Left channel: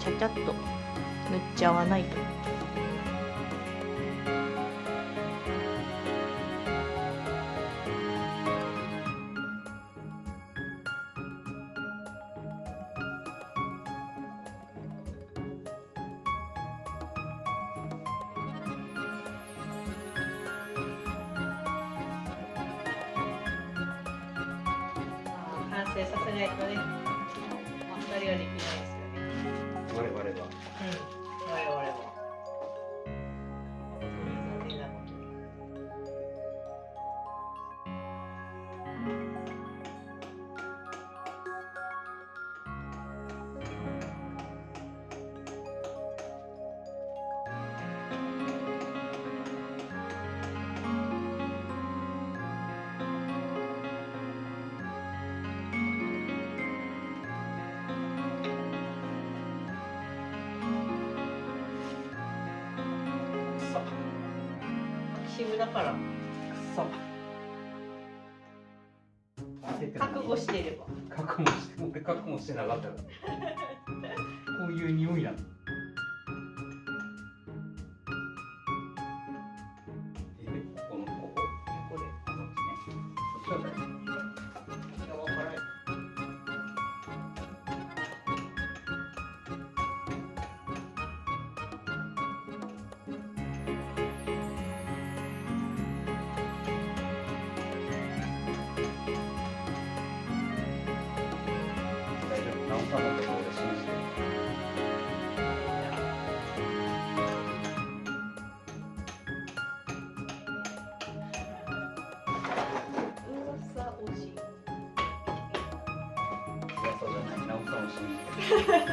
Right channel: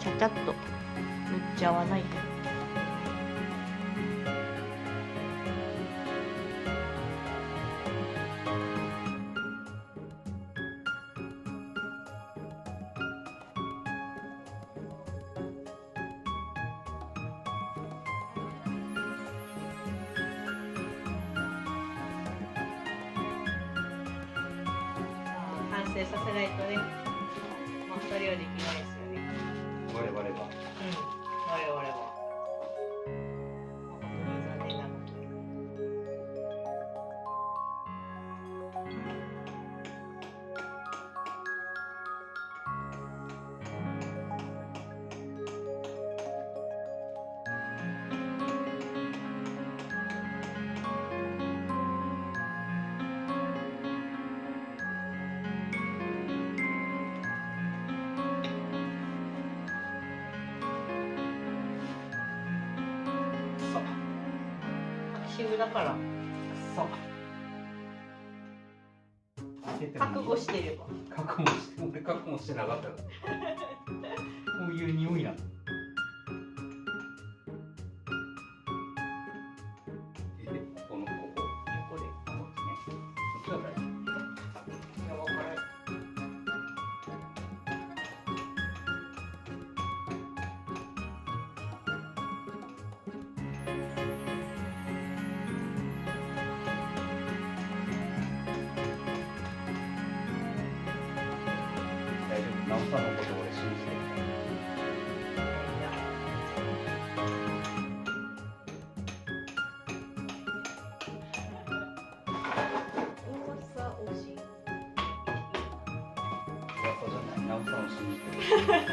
ちゃちゃっと塗っちゃわないと。完成させないとね、まったりはできないですよね。我々は。うん、我々は。誠に残念なことに。渋だからそう。覚悟してれば。俺覚悟してなかったから。こういう匂いなの。このここ。これ。あ、こっちね。こっちは大丈夫。いや、わからない。大丈夫。なおさんのことを俺信じてる。噂推し。噂じゃない。なおさんを信じてる。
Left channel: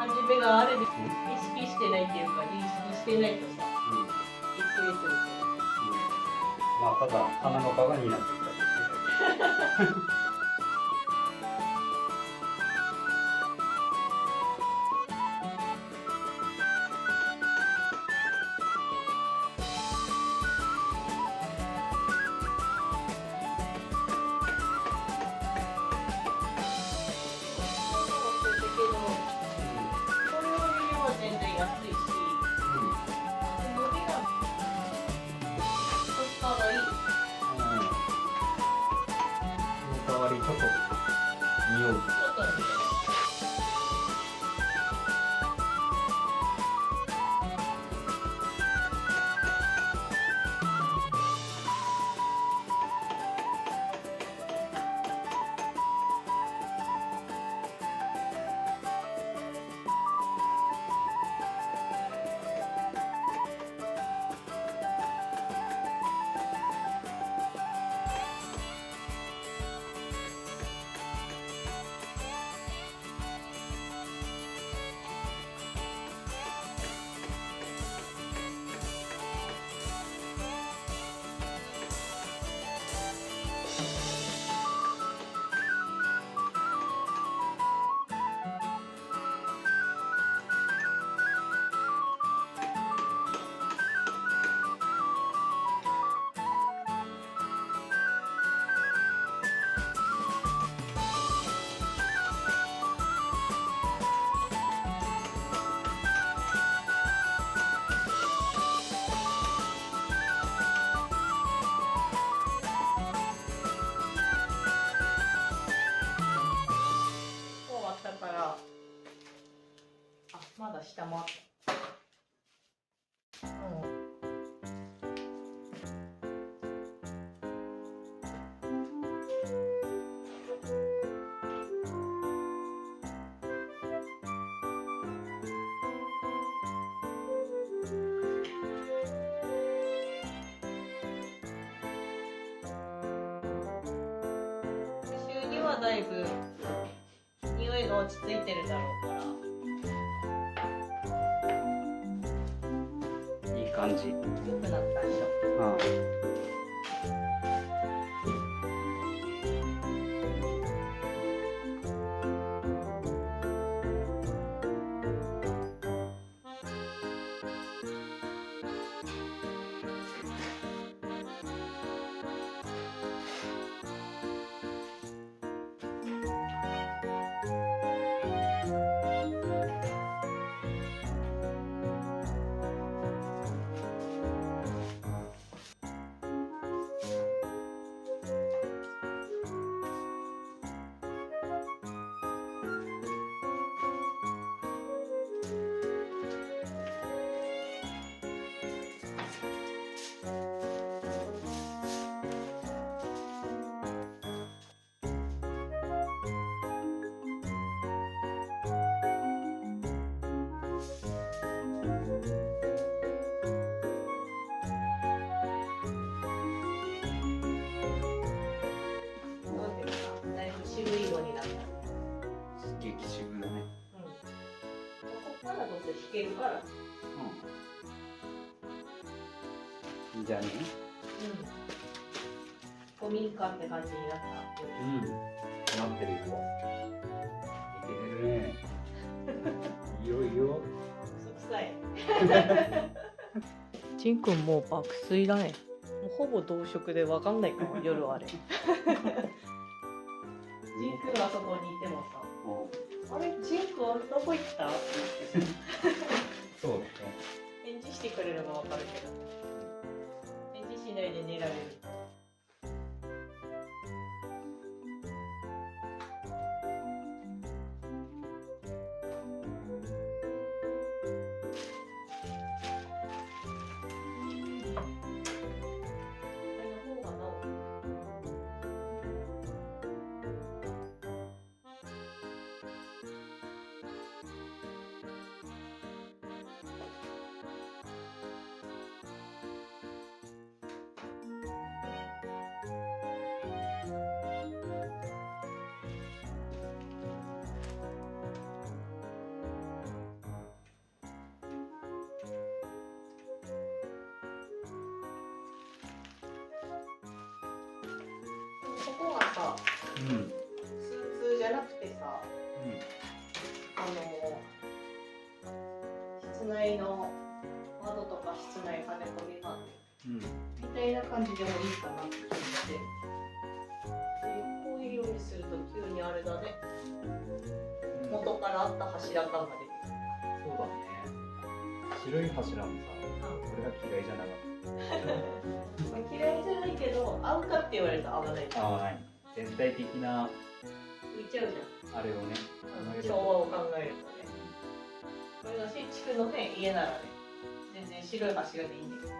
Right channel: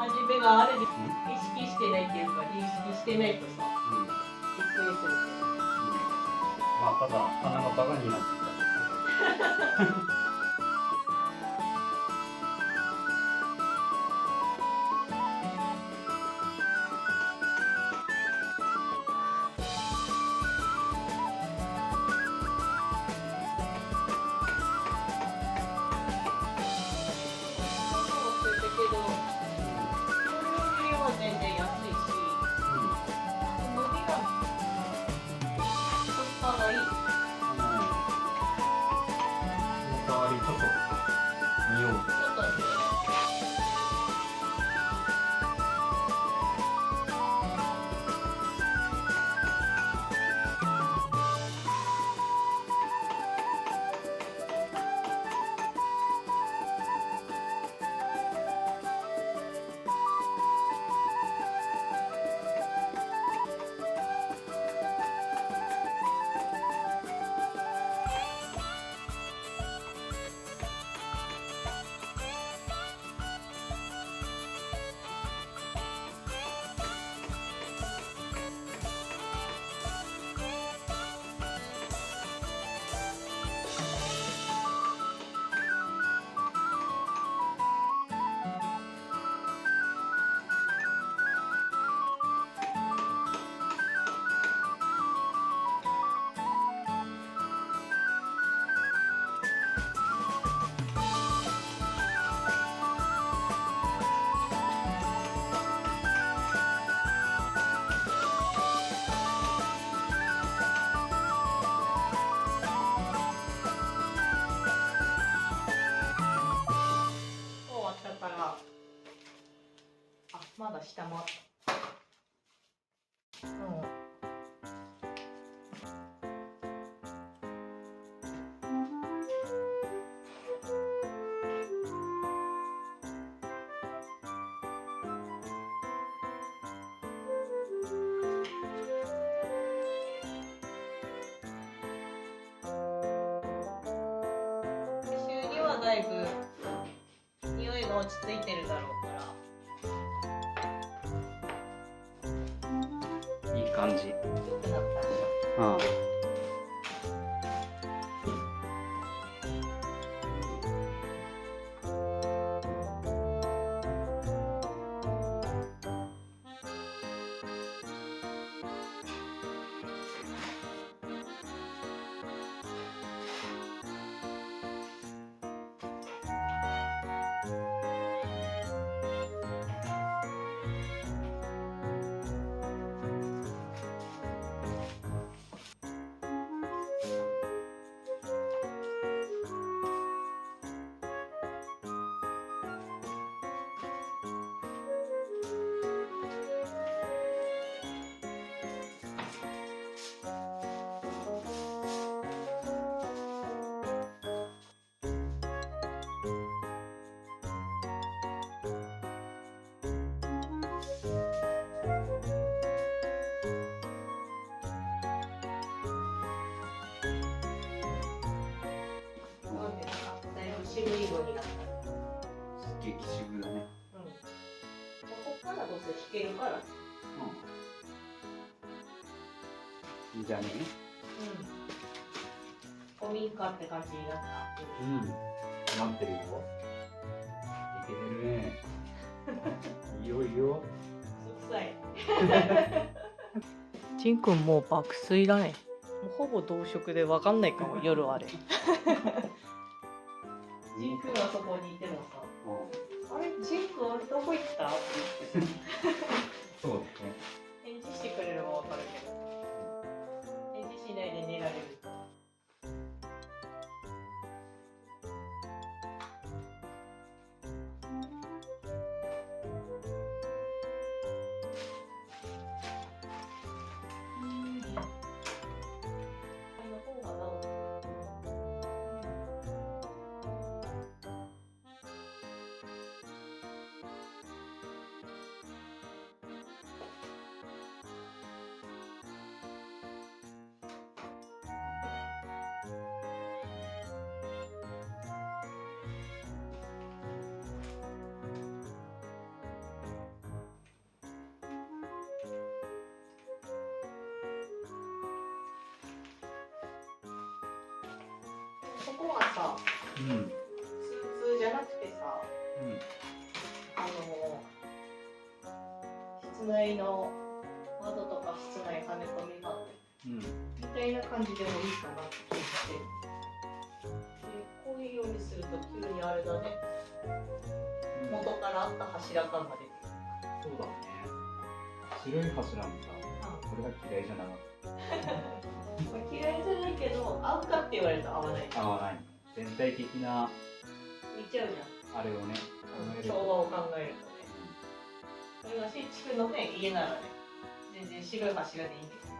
初めがあれで意識してないっていうか、認識してないとさ、びっくりするまあただ鼻がバカになってきた。が下回った。収入はだいぶ匂いが落ち着いてるだろうから。いい感じ。良くなったでしうん。なんていうか、だいぶ渋い色になった。激渋だね。うん。ここからどうせ引けるから。うん。じゃあね。うん。古民家って感じになった。うん。なってるよ。いけてるね。いいよいいよ。嘘くさい。ジンくんもう爆睡だね。もうほぼ同色でわかんないかも、夜あれ。ジンくんがそこにいてもさ、あれ、ジンくんどこ行ったって言ってさ、そうね。返事してくれればわかるけど、返事しないで寝られる。これの方が治る。そこがさ、うん。スーツじゃなくてさ、室内の窓とか室内跳ね込み窓うん。みたいな感じでもいいかなって言って、でこういうようにすると急にあれだね、元からあった柱感が出てそうだね。白い柱もさ、これが嫌いじゃなかっくる。まあ嫌いじゃないけど、合うかって言われると合わない。た。合わない。全体的な浮いちゃうじゃん。あれをね。昭和を考えるとね。これが新築のね、家ならね、全然白い柱でいいんですよ。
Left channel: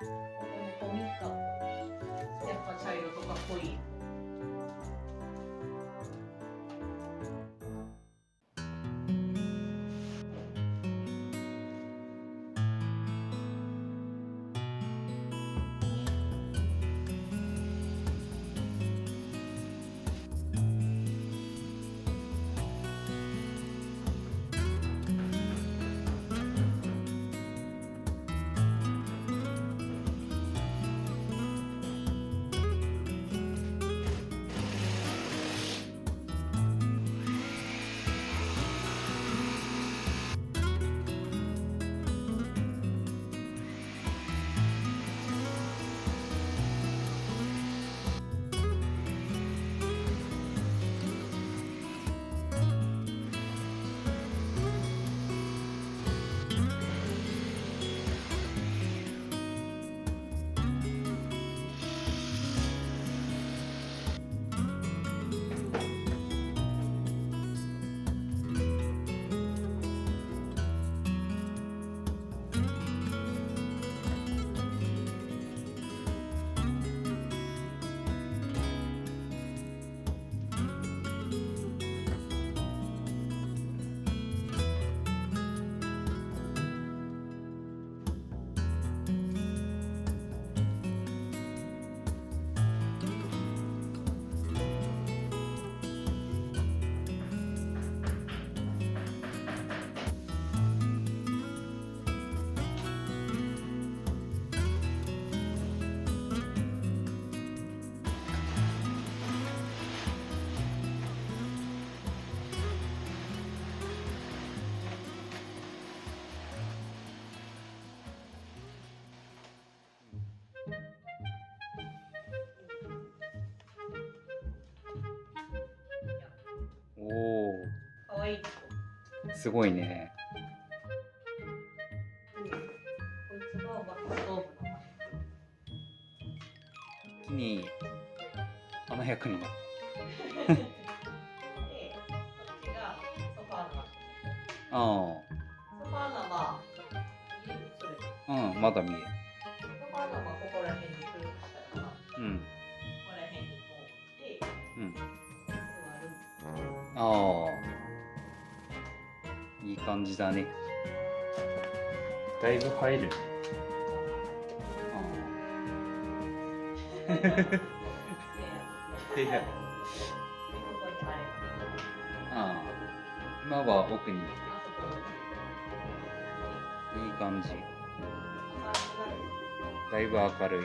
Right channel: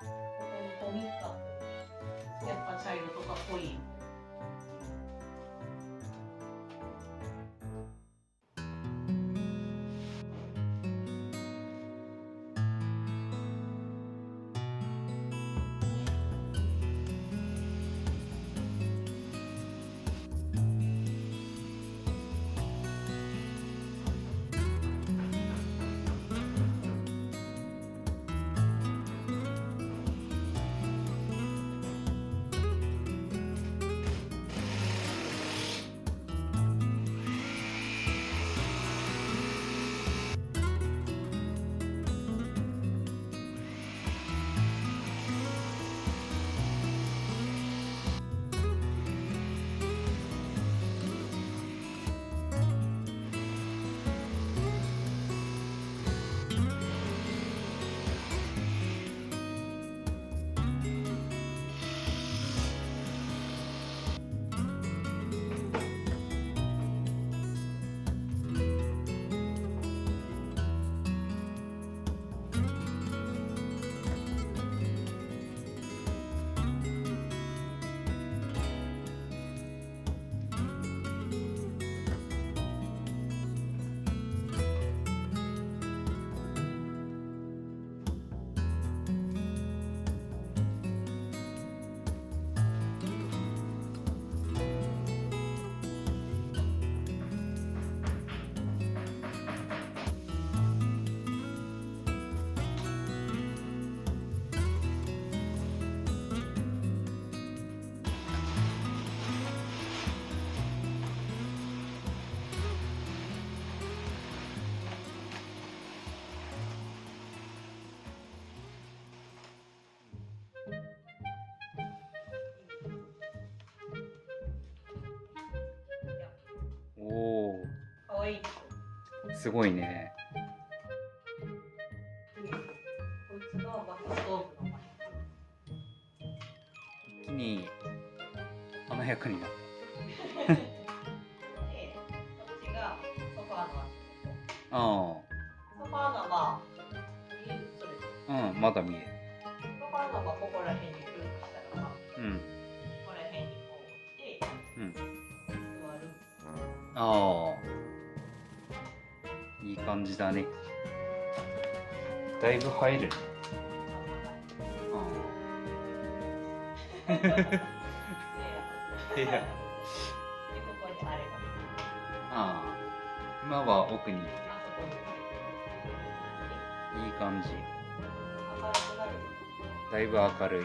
この古民家、やっぱ茶色とか濃い。すごいね。こいつが薪ストーブの薪。一気に華やかになっで、こっちがソファーの足。た。あソファーがまあ、見えるそれで。あ、うん、まだ見える。ソファーがまあここら辺に来るとしたら、こうん、こら辺にこう来て、うん。座る。ああ、いい感じだね。だいぶ入るね。で、うん。いや、ここにあれが。ああ、今は奥にあそこに。いい感じ。明るくなる。だいぶ明るい。う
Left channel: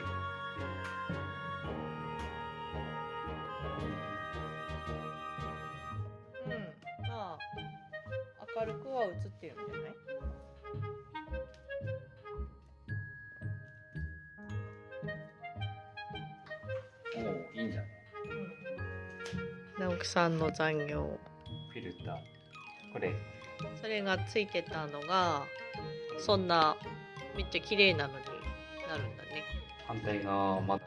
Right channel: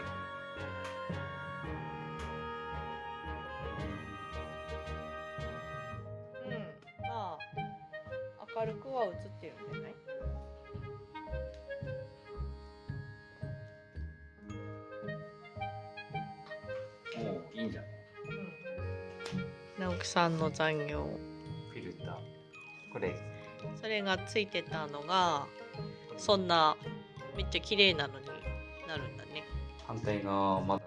ん、まあ明るくは映ってるんじゃない？おお、いいんじゃない？うん。直樹さんの残業。フィルター。これ。それがついてたのが、そんなめっちゃ綺麗なのになるんだね。反対側まだ。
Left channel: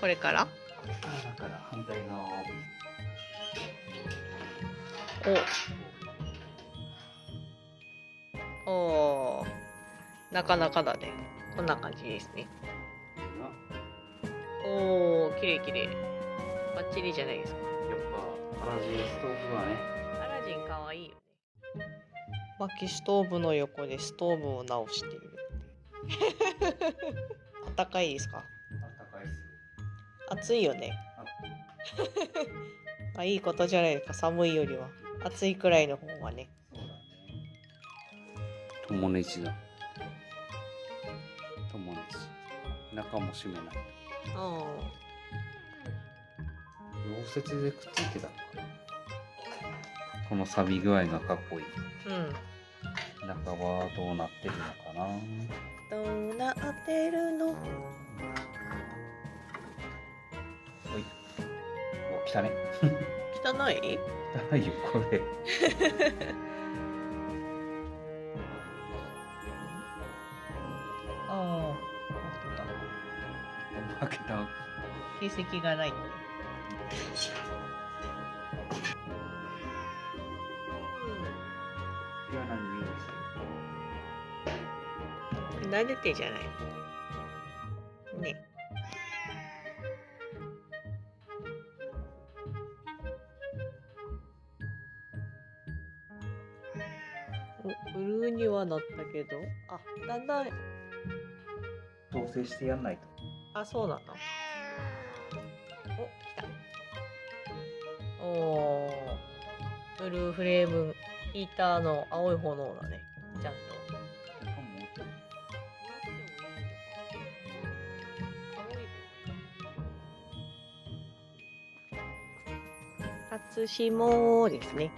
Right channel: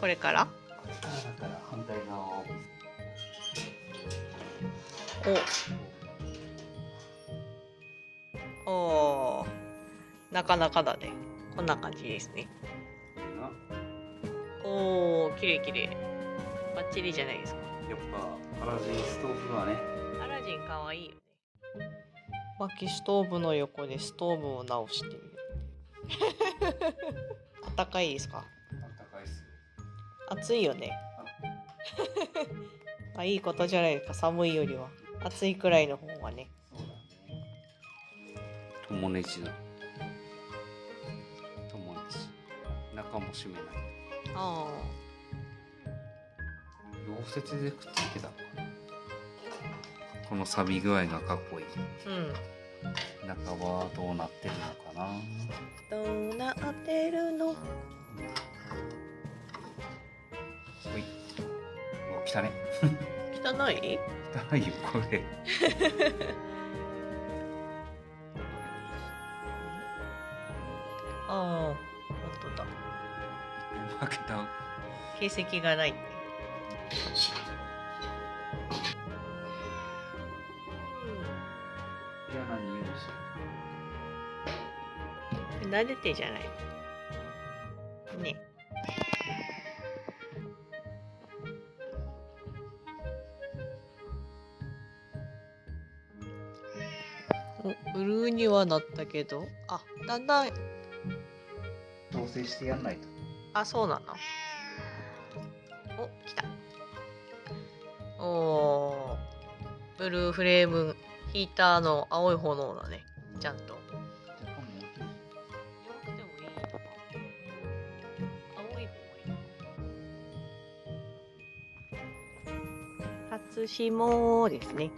これから？だから反対側を。おー、なかなかだね。こんな感じですね。これがおー、綺麗綺麗。バッチリじゃないですか。やっぱアラジンストーブはね。アラジンかわいいよね。薪ストーブの横でストーブを直しているって。あったかいですか？あったかいっすよ。暑いよね。あ、いいことじゃないですか。寒いよりは暑いくらいの方がね。そうだね。友ネジだ。友ネジ。中も閉めない。あ溶接でくっついてた。この錆び具合がかっこいい。あ、うん。中はどうなってるのかな。どうなってるの？ほい。お、汚ね。汚い？汚いよ、これ。ああ、本当だ。一本負けた。形跡がないね。嫌な匂いする。慣れてじゃないのね。お、ブルーにはなったけど、あ、だんだん、調整してやんないと。あ、そうなの。お、来た。おー、ブルーフレームヒーターの青い炎だね。ちゃんと。もうちょい青い方がいい。初霜ですね。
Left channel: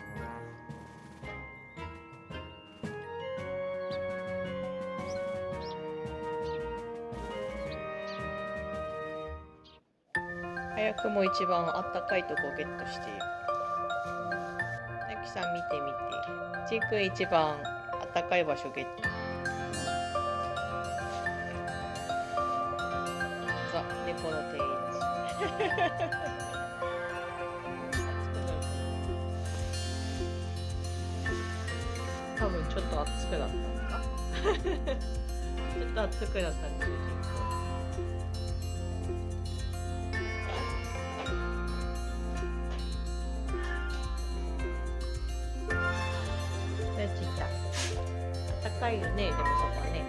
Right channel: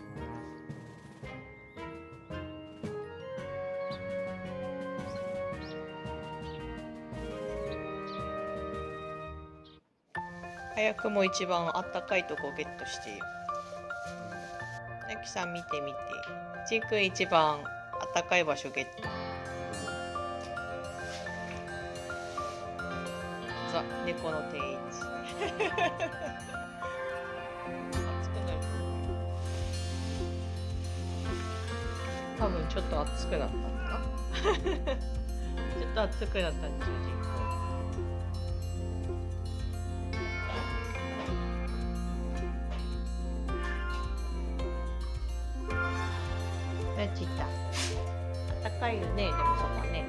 早くも一番あったかいとこゲットしている。なきさん見てみて。ちーくん一番あったかい場所ゲット。ザ・猫の定位置。暑くなるかな。多分ちょっと暑くなったのか。ちょっと暑くなったんですよ。やっちった。あったかいよね、でもそこね。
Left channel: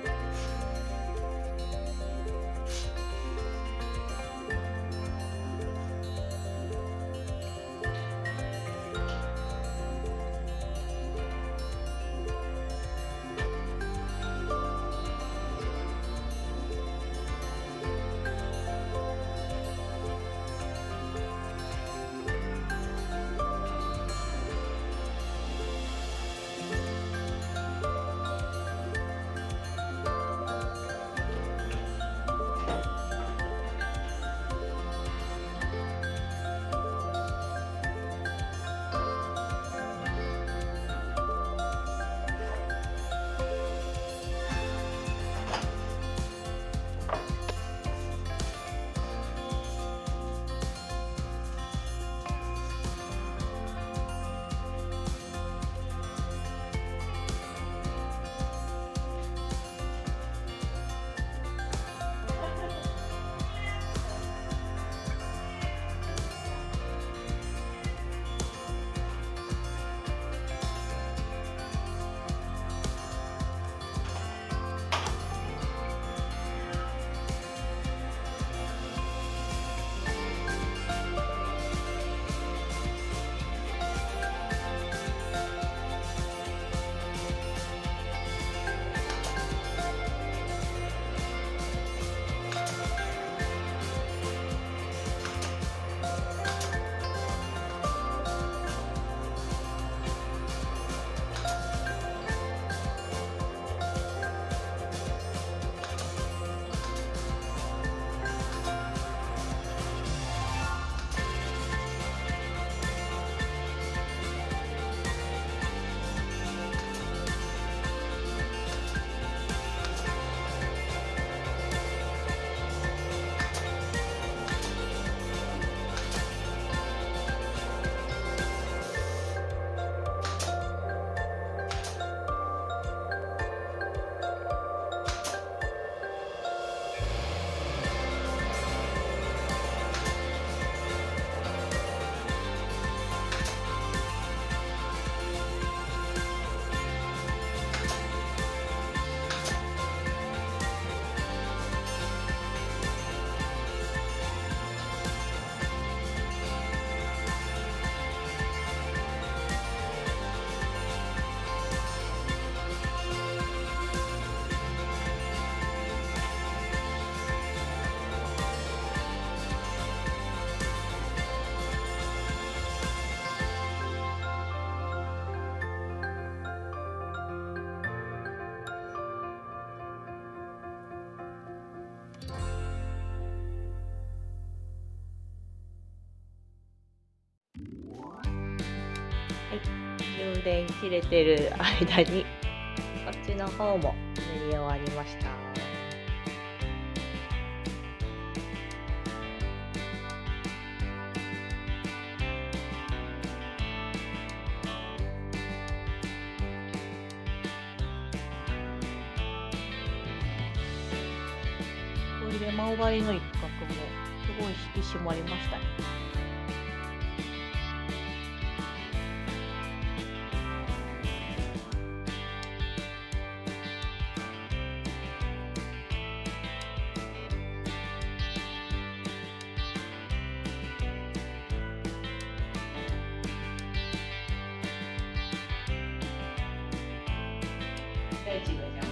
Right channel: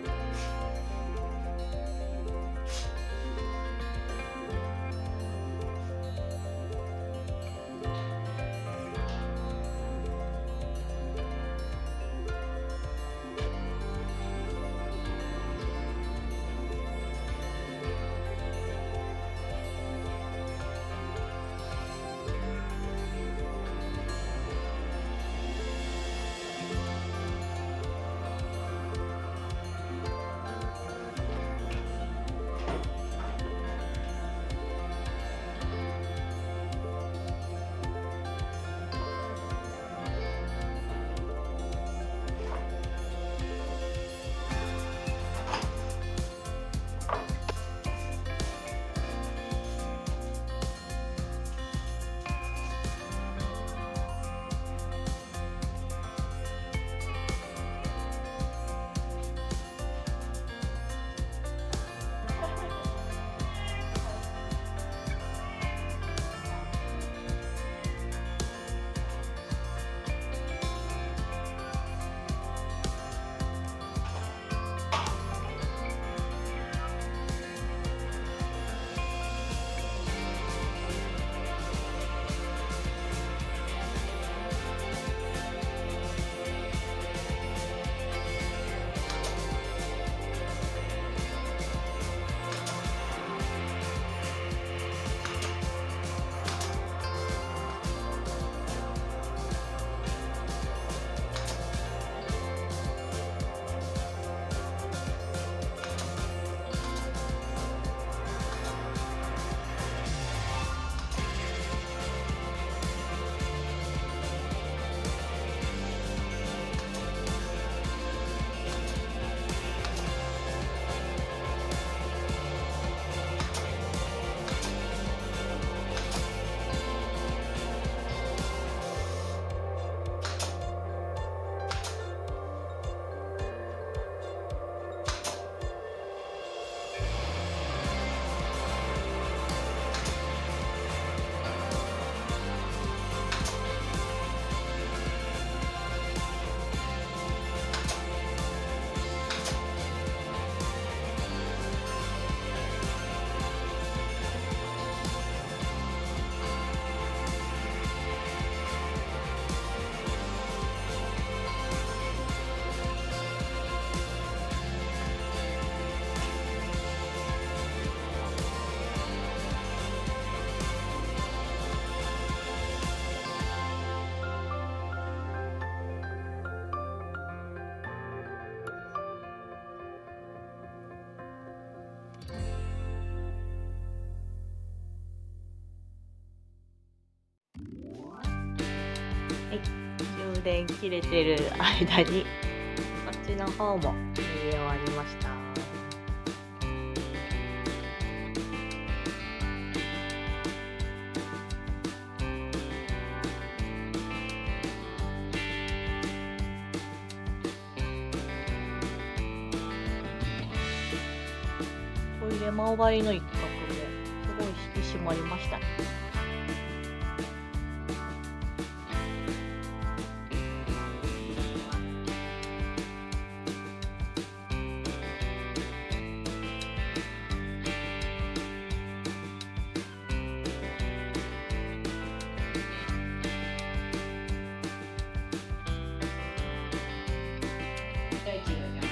充電切れてる間にこっちの方も塗り終わりました。トイレ周りの一角もすごい引き締まりましたね。第一个这样。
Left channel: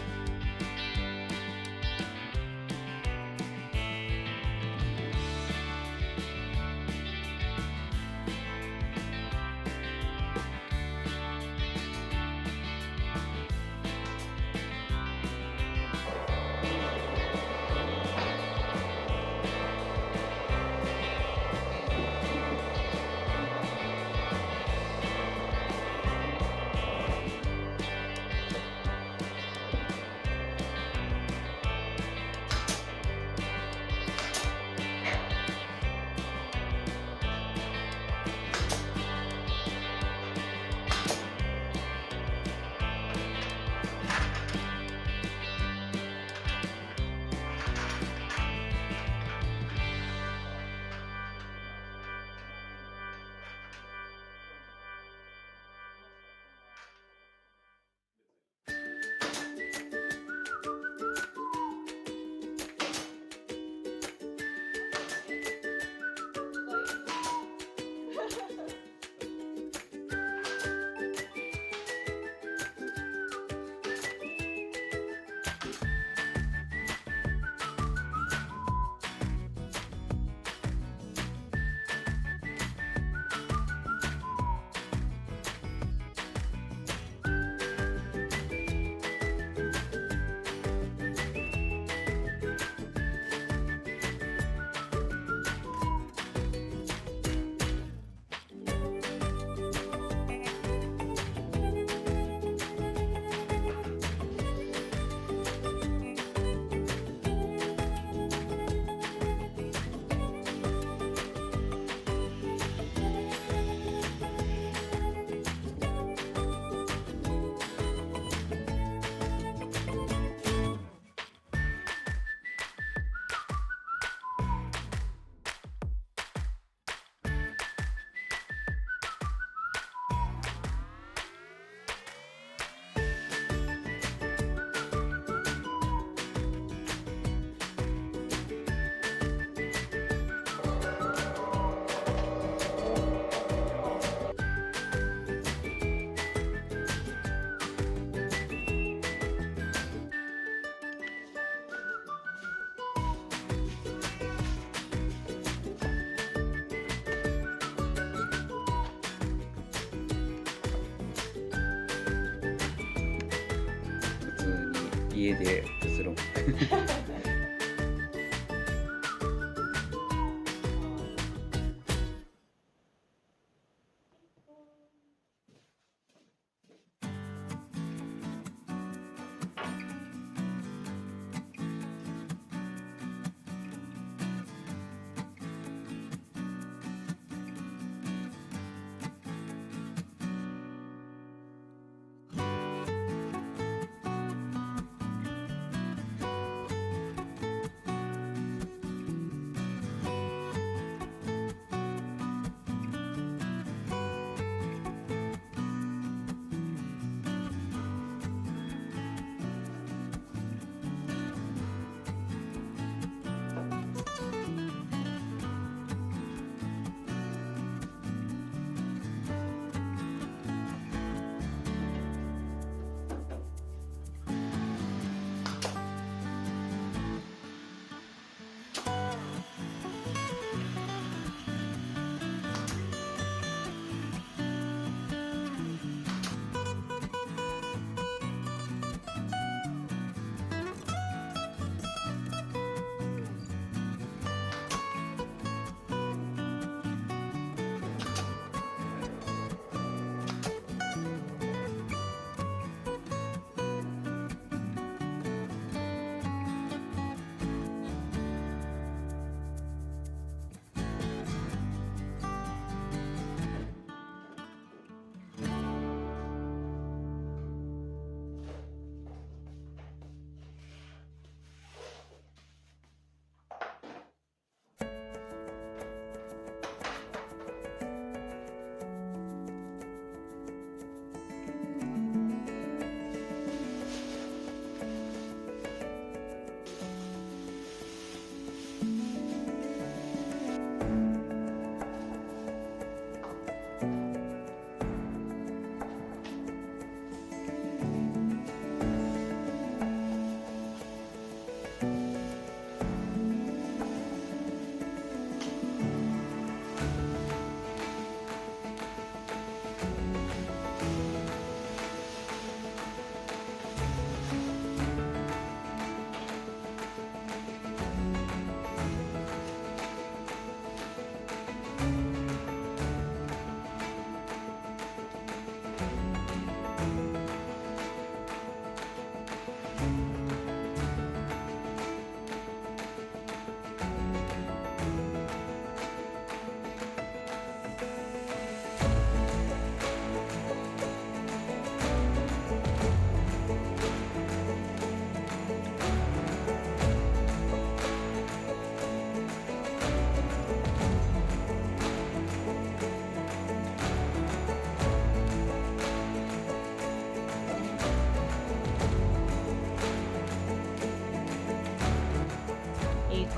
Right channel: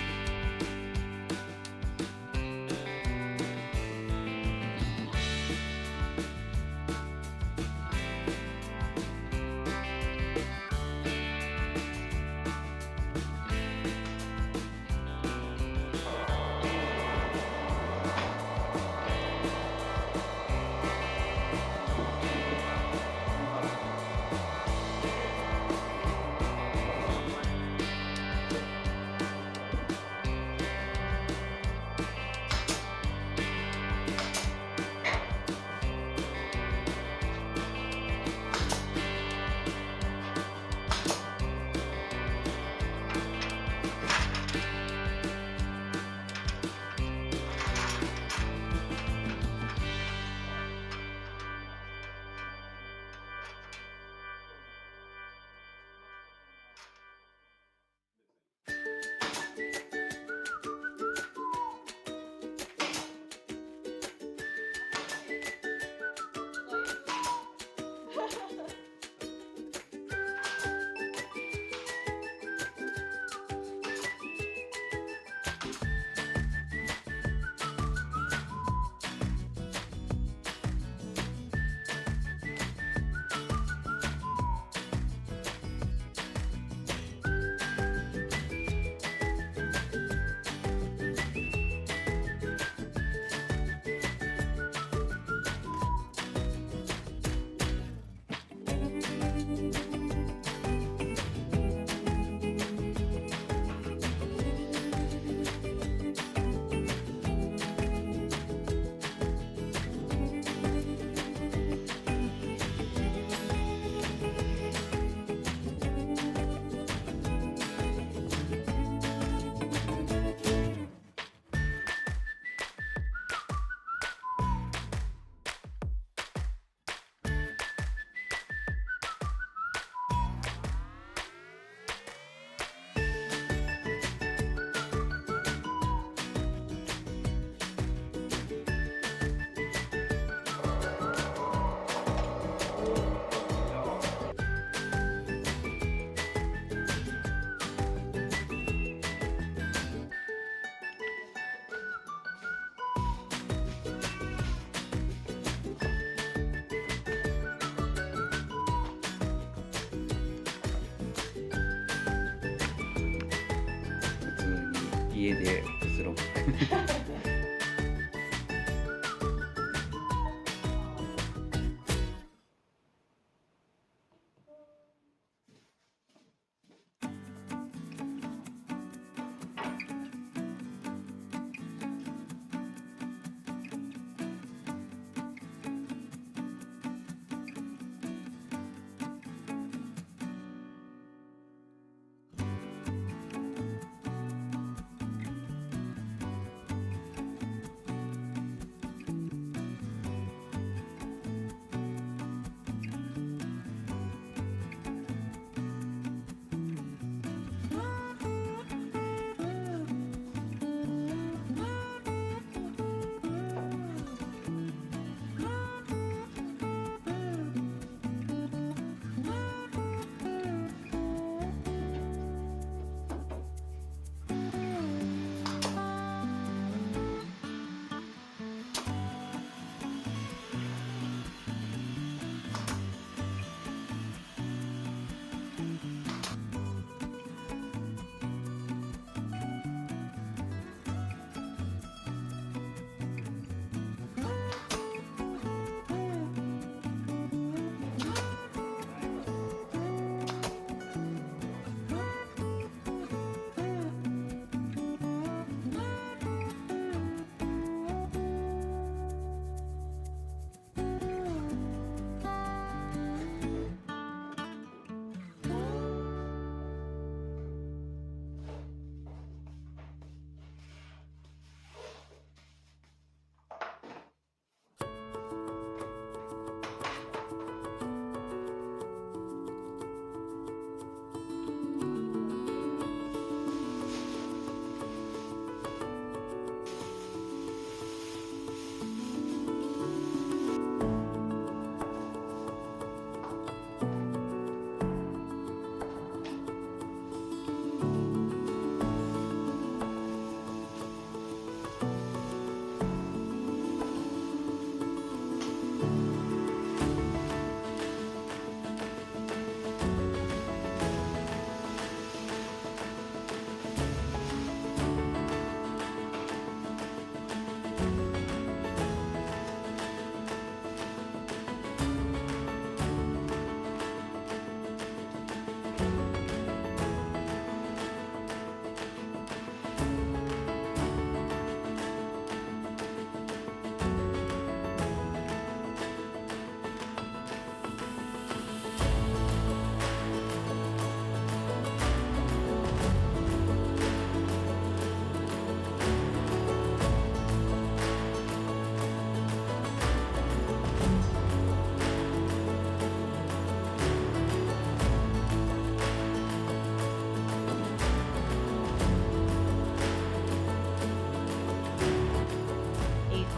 家でくつろぐ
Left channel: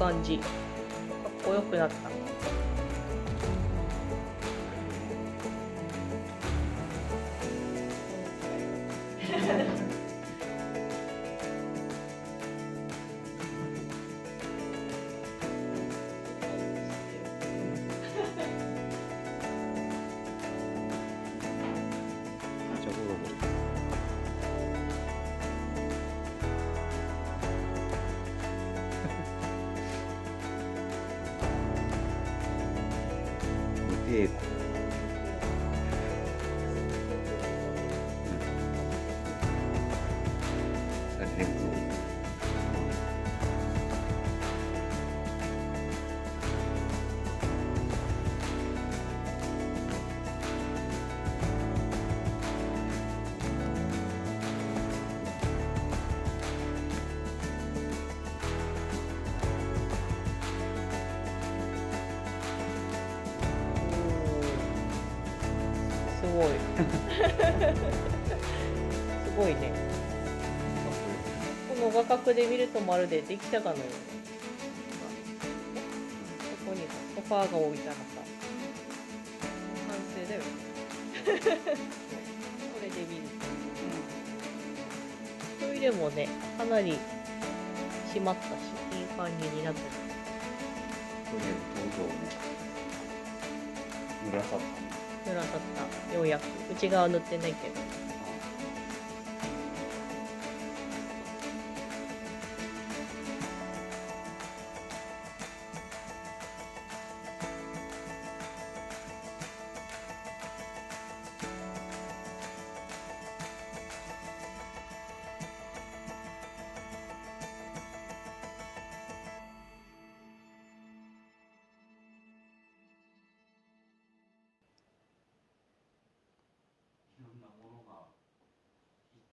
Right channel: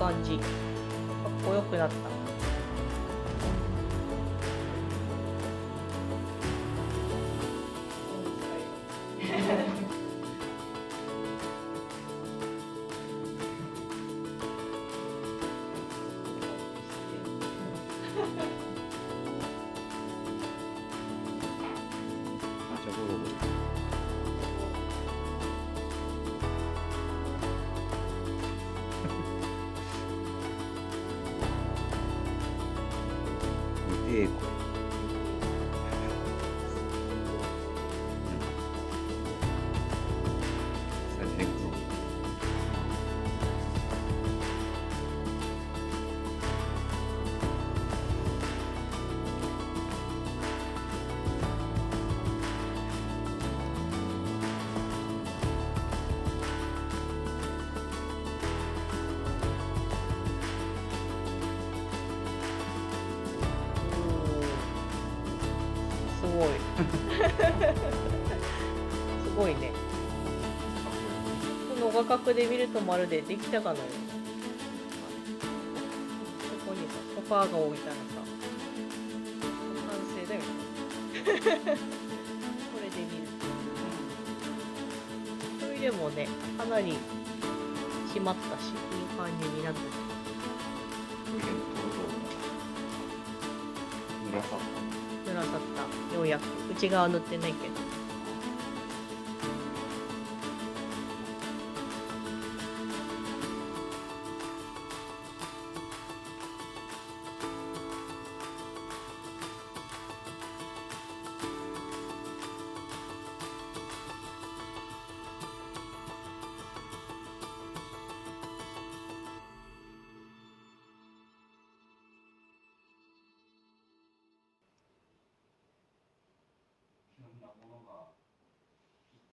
感じ。かっこよくなった。めっちゃゴロゴロ。無抵抗。レッグを。すごい。すごいね。この画角で見るとまるでできたかのような。そこにさ、ソファーが置いたらさ、完成だよね。これで見ると。それでもね、かなり締まったし、いい感じになってる。それでちょうど濡らさったね。濡らさった。ようやく。内側塗ってないけど。